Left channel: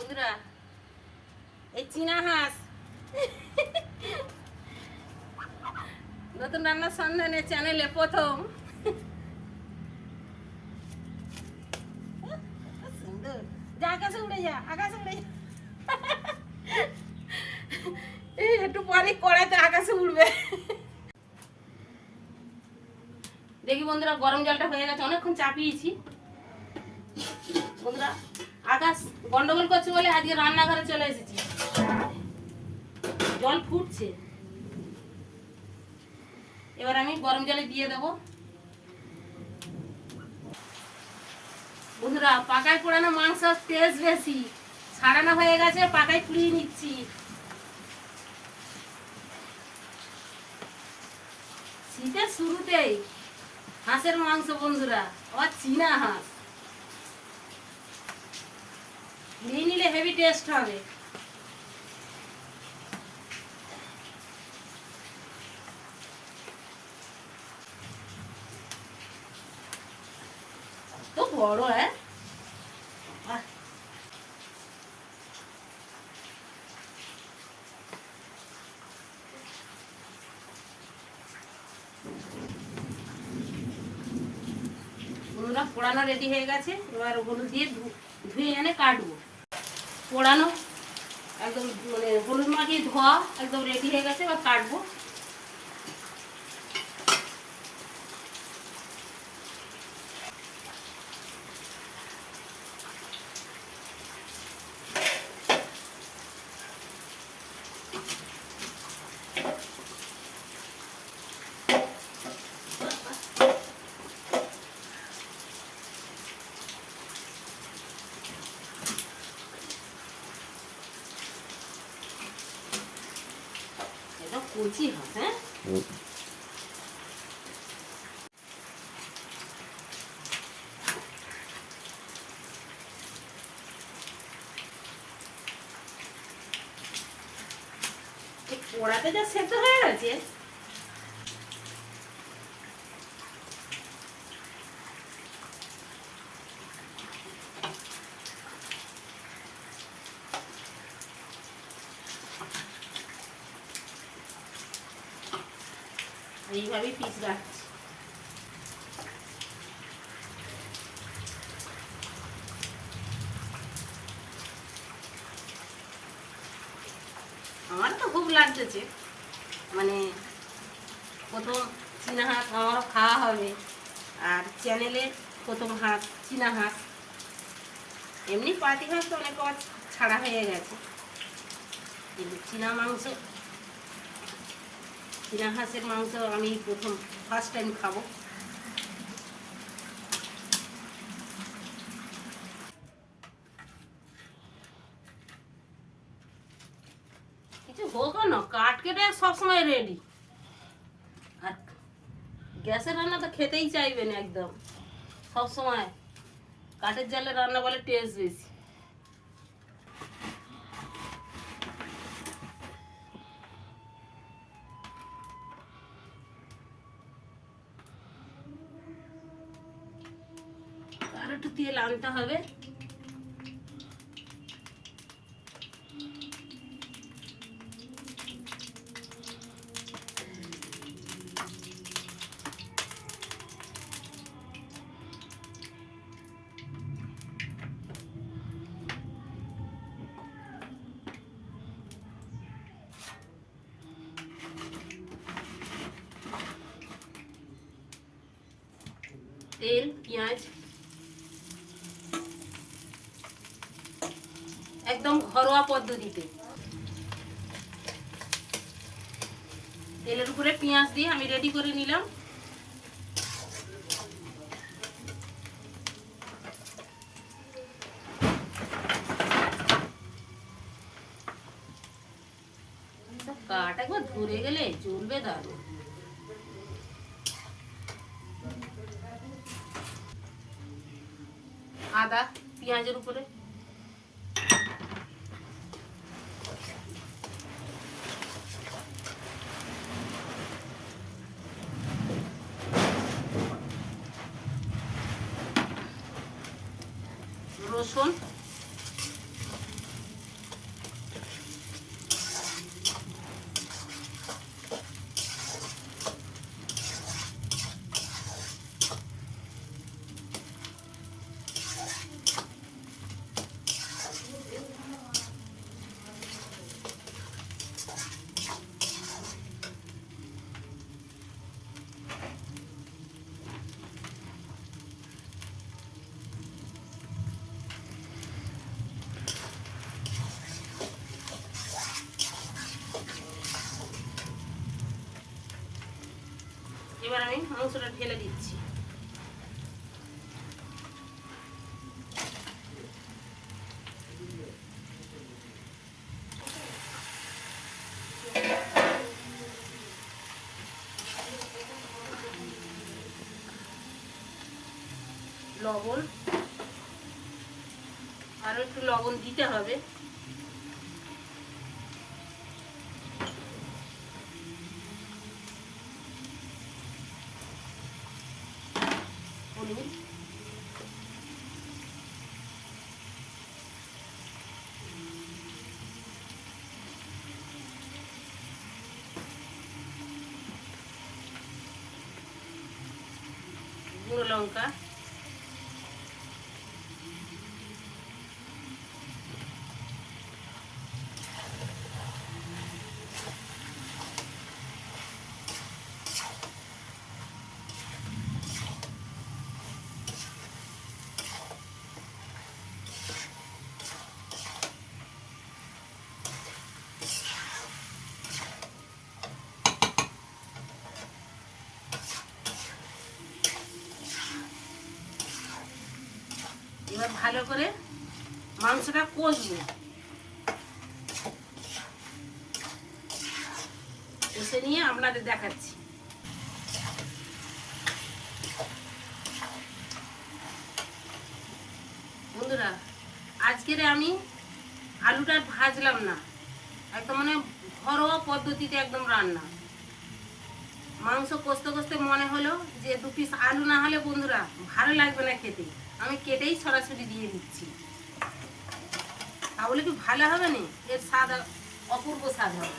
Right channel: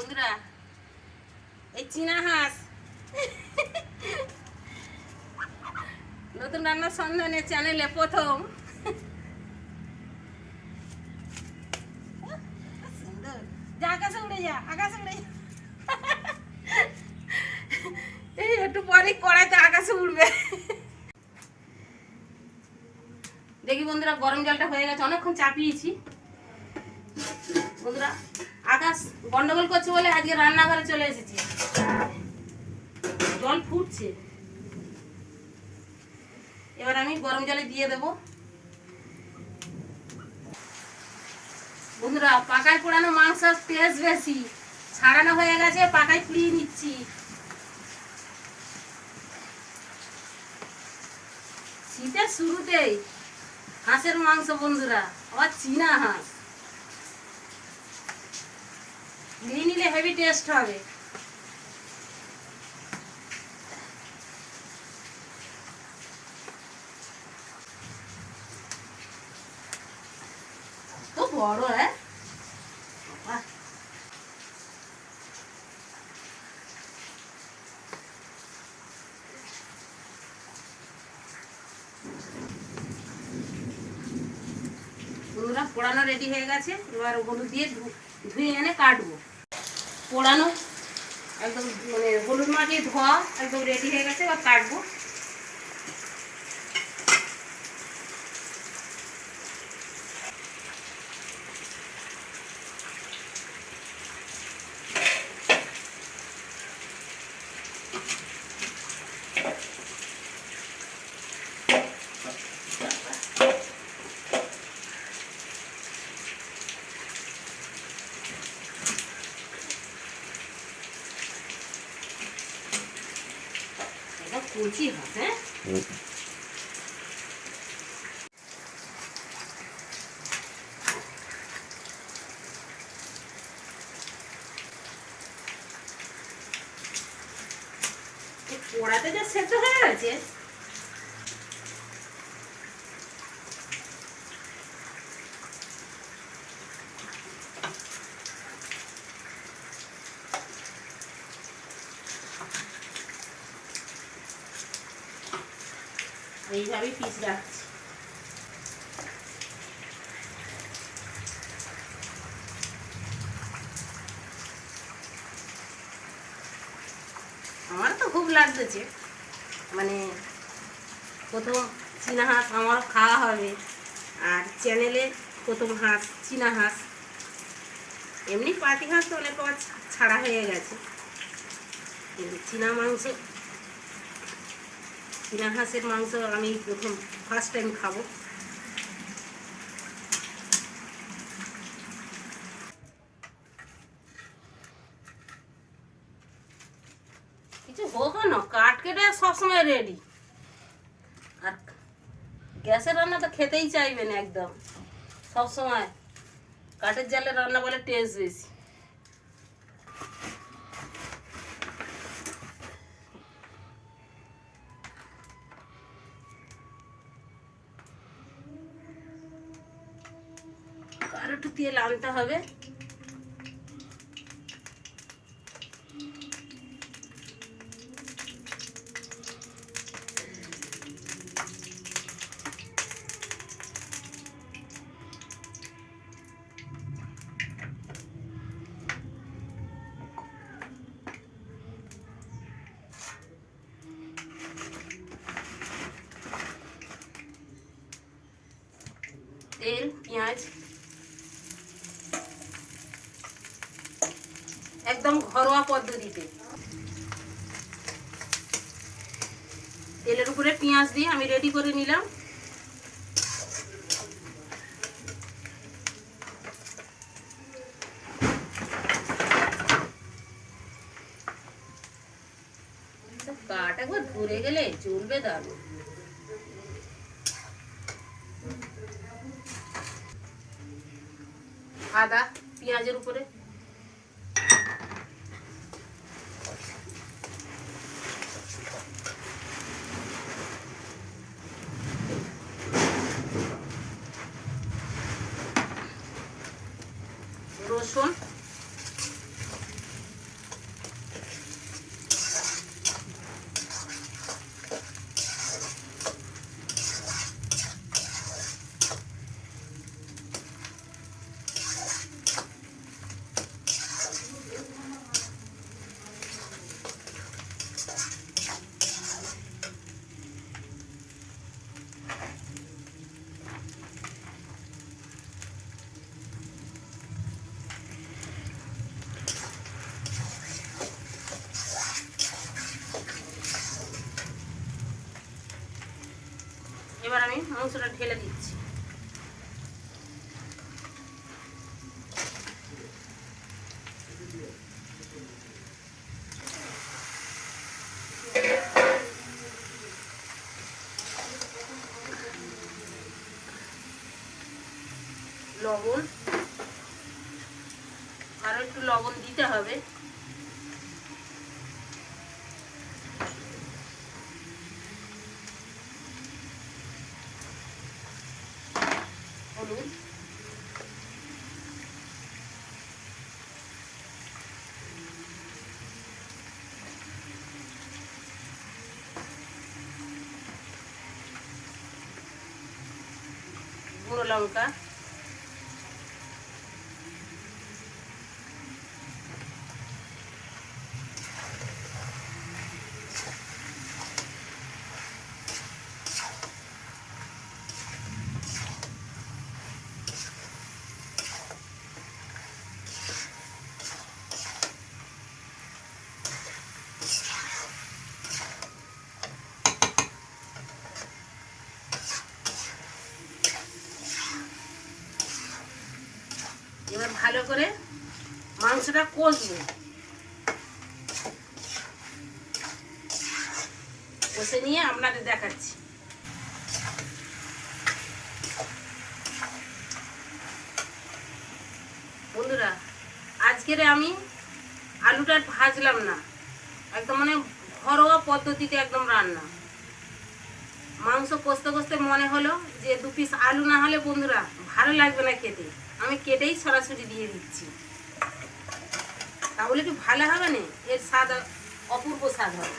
বন্ধুরা এই চীনা হাঁস নতুন রান্নার সন্ধানে চ্যানেলে প্রথম। সুন্দর, যা আকাশে উড়ে যা, আকাশে উড়ে যা। এই একটু পরে কড়াইতে আকাশে উড়বে। দেখি বন্ধুরা, গরম জলটা হয়ে গেছে, অনেকক্ষণ চাপিয়েছি। বন্ধুরা আকাশ গন্ডগোল করছে বলে আজকে রান্নাঘরে চলে এসেছি। জল ফুটছে, এবার আমি গরম জলে দিয়ে দেবো। বন্ধুরা পাকায় পোড়ানো মাংস টেস্ট বেশি, ছাড়ানো হয়ে গেছে, পাকায় পুড়িয়ে নিচ্ছি। শীতের শুরুতেই হাঁসের মাংস বন্ধুরা, আবার চীনা হাঁস নিয়ে নিলে হেভি টেস্ট হবে। তো বড় হ্যাঁ, বন্ধুরা পোড়ানো রেডি হয়ে গেছে। এবার হলুদ দিয়ে ধুয়ে এনে কাটবো। পোড়ানো একদম মানে হলুদ মাখিয়ে ধোয়া একদম রেডি হয়ে গেছে, এবার কাটবো। কচি হাঁস, হ্যাঁ পোড়াতে যা সেদ্ধ হয়ে গেছে। এইভাবেই পিস রাখছি। আমার তো খুব লাগতেছে, মানে প্রথম চীনা হাঁস আমারও খাওয়া হবে, আর চ্যানেলে প্রথম হাঁস চীনা হাঁস। এমনি পাতি হাঁস তো অনেক ছাড়া হয়ে গেছে, কিন্তু চীনা হাঁসের মাংস আমি প্রথম ফার্স্ট টাইম খাবো। কিছু হোক না, কাঠ কেটে সবসময় রেডি। আর গ্যাসের রান্না তো খেতেই চাইবেন একদম, সবসময় কাঠের জালে রান্না বলে টেস্ট বেশি। আর একটু তেল আনতে হবে। তেল, পেঁয়াজ, একদম ঘরোয়া পদ্ধতিতে। তেলের উপরে পেঁয়াজ দিয়ে আমি রেডি করে নিলাম। কাঠ একবার ধরে গেলে চলবে দারুণ। আদা পেঁয়াজের উপরে, রসুন, আমি মাংসটা ঢেলে দিচ্ছি। লবণ, আরো একটু লবণ দিতে হবে। হলুদ, গুঁড়ো লঙ্কা, এবার ভালো করে মাংসটা কষবো। কষে নিয়ে আপনাদের দেখাচ্ছি। বন্ধুরা, আজকের আমি আলুটা ভাজলাম না, একদম মানে ঘরোয়া পদ্ধতিতে একদম রান্না। মাংস কষতে কষতে মনে হলো যে 2 পিস আলু না হলে বন্ধুরা ভালো লাগবে না খেতে, আমি কেটেই সরাসরি দিয়ে দিচ্ছি। তাহলে কি ভালো হবে না? এর স্বাদ অপূর্ব স্বাদ হয়।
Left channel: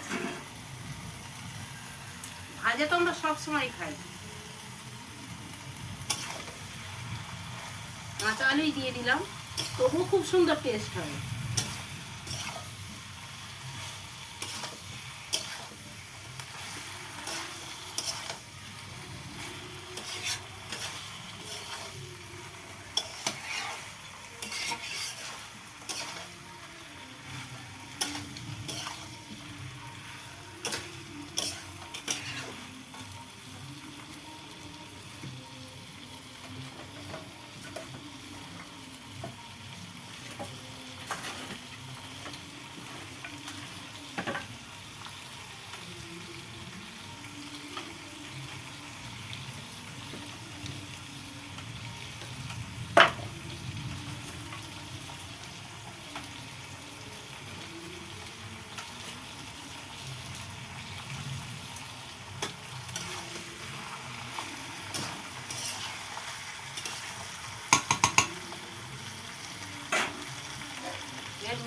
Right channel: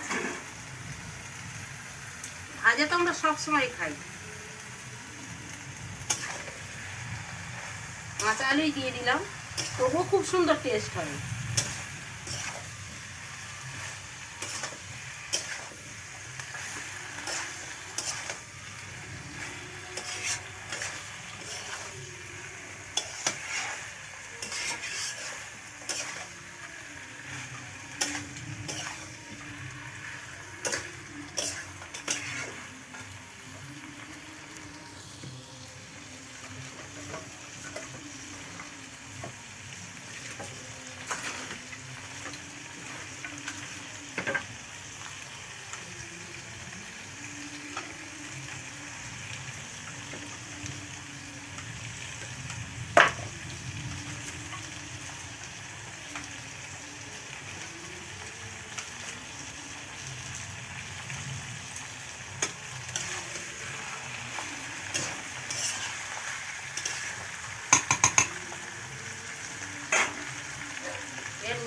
ভাজা তো আমরা সবসময় খাই। কাঁচা আলুই দিয়ে দিলাম, তবুও খুব সুন্দর টেস্ট হয়।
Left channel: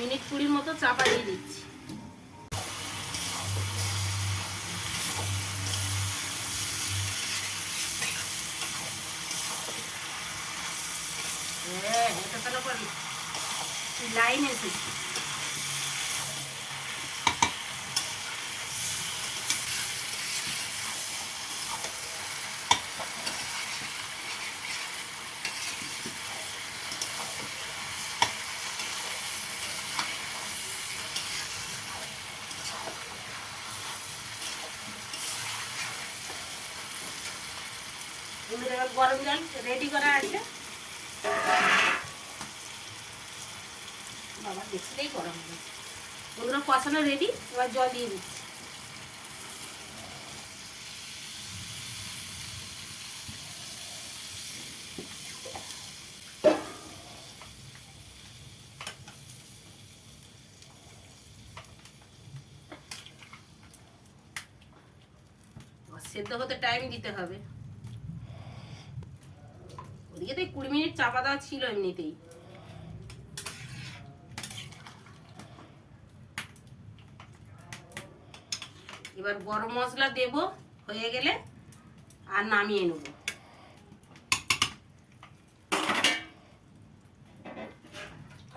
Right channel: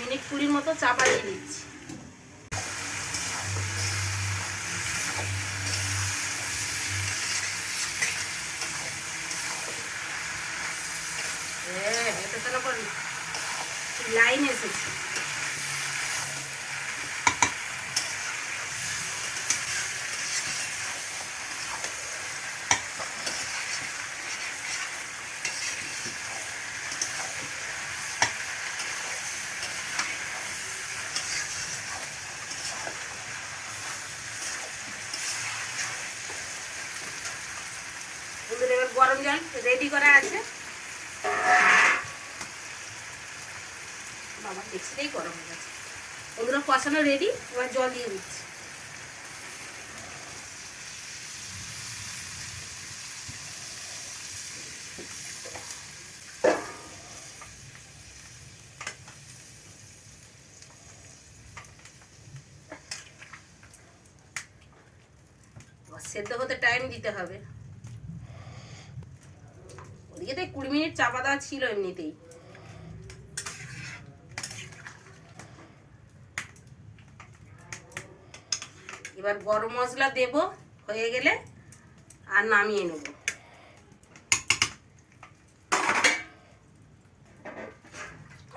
মিনিট 20 মতো চাপা দিয়ে দিচ্ছি। হ্যাঁ, এটা তাহলে করি লাইন এসেছে। এবার গরম জল রেডি করা আছে। বাবা দেখছিলেই গরম হয়ে গেছে। ওগুলো কষানো রেডি, এবার জল দিয়ে দিচ্ছি। সেদ্ধ হতে টাইম দিতে হবে। ওদিকে তো 20 মিনিট চাপা দেওয়া ছিল এমনিতেই। এবার গরম মশলা দেব, হয়ে গেলে আর নামিয়ে নেব।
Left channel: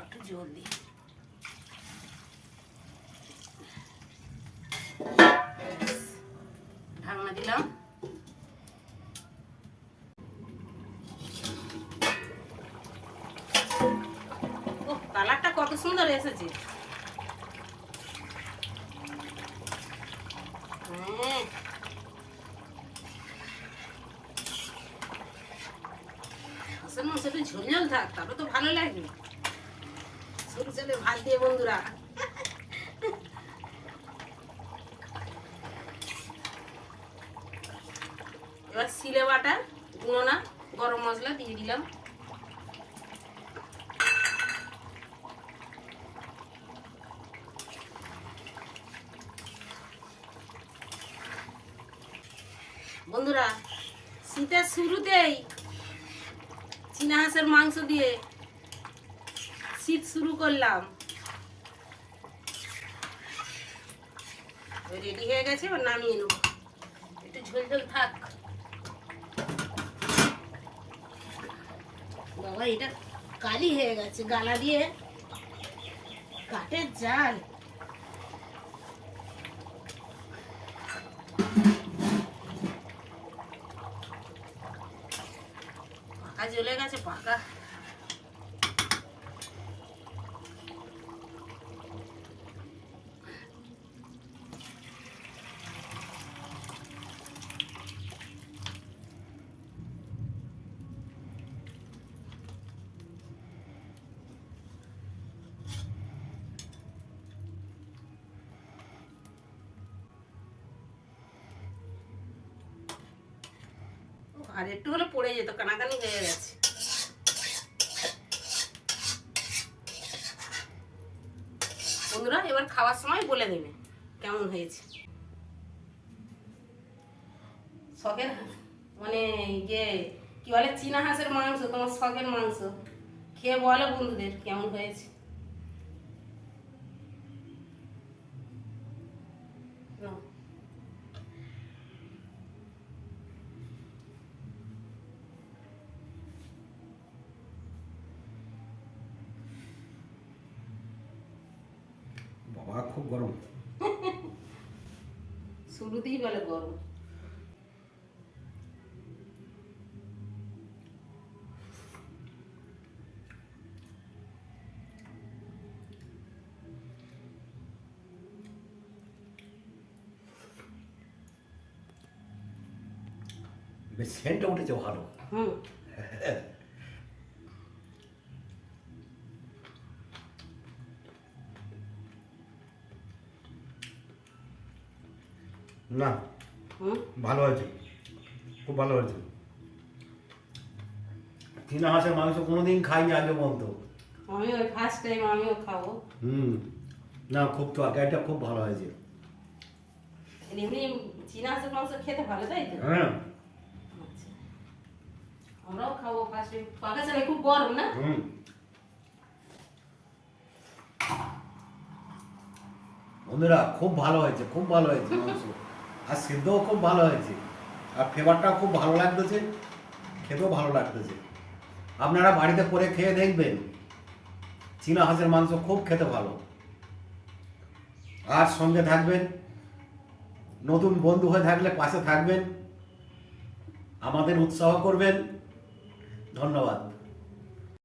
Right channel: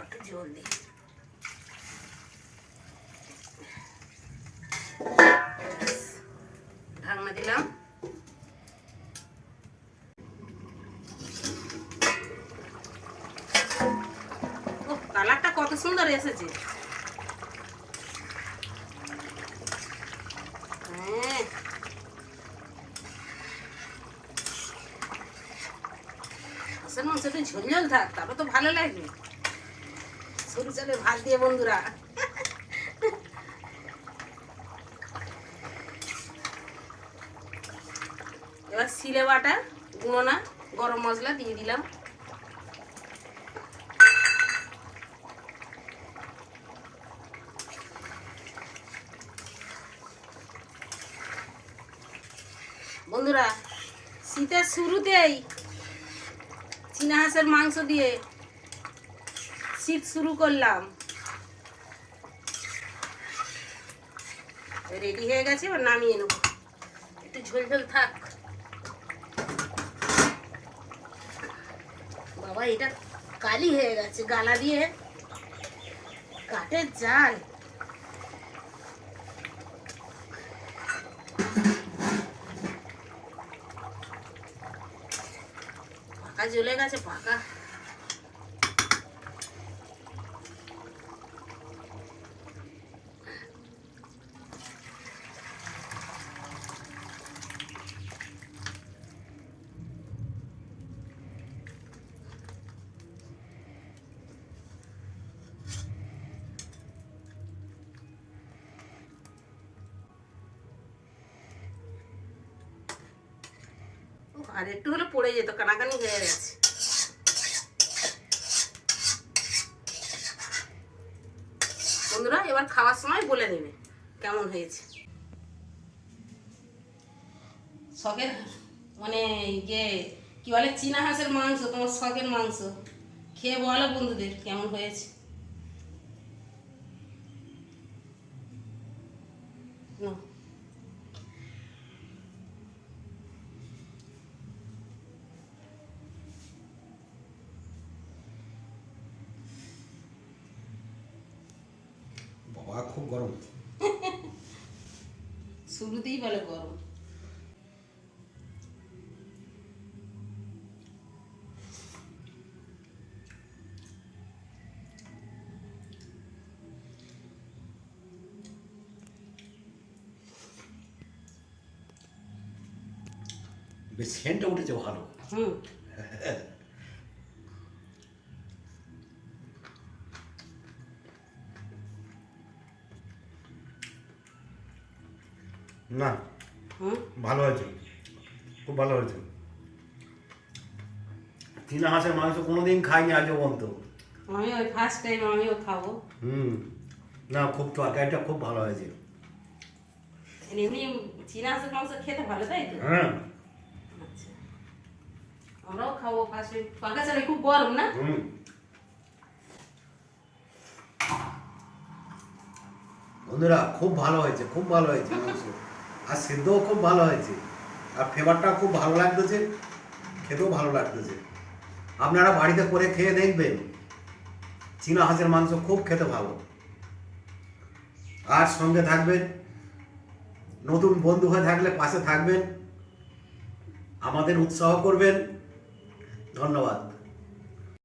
একটু জল দিই। ঢাকনা দিলাম। ও, কালারটা কত সুন্দর এসেছে। হাঁসের মাংস একটু ঝোল ঝোল থাক, তারপর তো ভালো লাগবে। সরু চালের ভাত দিয়ে বন্ধুরা। এবার সিলে বাটা গুঁড়ো না গরম মশলা দিয়ে দিলাম। বন্ধুরা, শীতের শুরুতেই চীনা হাঁসের মাংস দিয়ে শীত শুরু করলাম। রেডি হয়ে গেছে, এবার নামিয়ে নেব। একটু ঝোল ঝোল থাক। বাবা, এটা কালি হয়ে গেছে, গালা দিয়ে কাঠের জাল। পাকা জ্বলে গেছে, পাকা। আর একটু হলে পড়ে যেত, কানাকানি হয়ে গেছে। বন্ধুরা, এবার খাওয়ার সময় বলে দেবে কেমন হয়েছে। শখের মানে যে কি বলে চীনা হাঁসের মাংস, তোমার শখের মাংস, খেয়ে বলো বন্ধুদের কেমন হয়েছে। বাবা খুব গরম। শুরুতেই বলে গরম। বেশ সেন্টটা উঠেছে ভালো। হুম। না, হুম। ভালো হয়েছে, খুব ভালো হয়েছে। চীনা হাঁসের মাংস কোনোদিন খাইনি আজও পর্যন্ত। আমি ওই ফার্স্ট টাইম আমিও খাবো। না, খুব তরকারিটা খুব ভালো হয়েছে। এমনি চীনা হাঁসের মাংস খেতে ভালো, তাই তো? হ্যাঁ। আচ্ছা, আমরাও খাবো ফার্স্ট টাইম। পাকা চালে খুব গরম না? বন্ধুরা, খুব ভালো হয়েছে, খুব ভালো হয়েছে মাংস। আর সেদ্ধও খুব ভালো হয়েছে, আর ফ্লেভারটাও খুব ভালো লাগতেছে, খেতেও ভালো লাগতেছে। আপনারা বাড়িতে করে খেয়ে দেখবেন, চীনা হাঁসের মাংস খুব খেতে ভালো। আর সঙ্গে থাকবেন, নতুন বন্ধু হয়ে থাকলে পাশে থাকবেন, আমাদের উৎসাহ করবেন। ধন্যবাদ।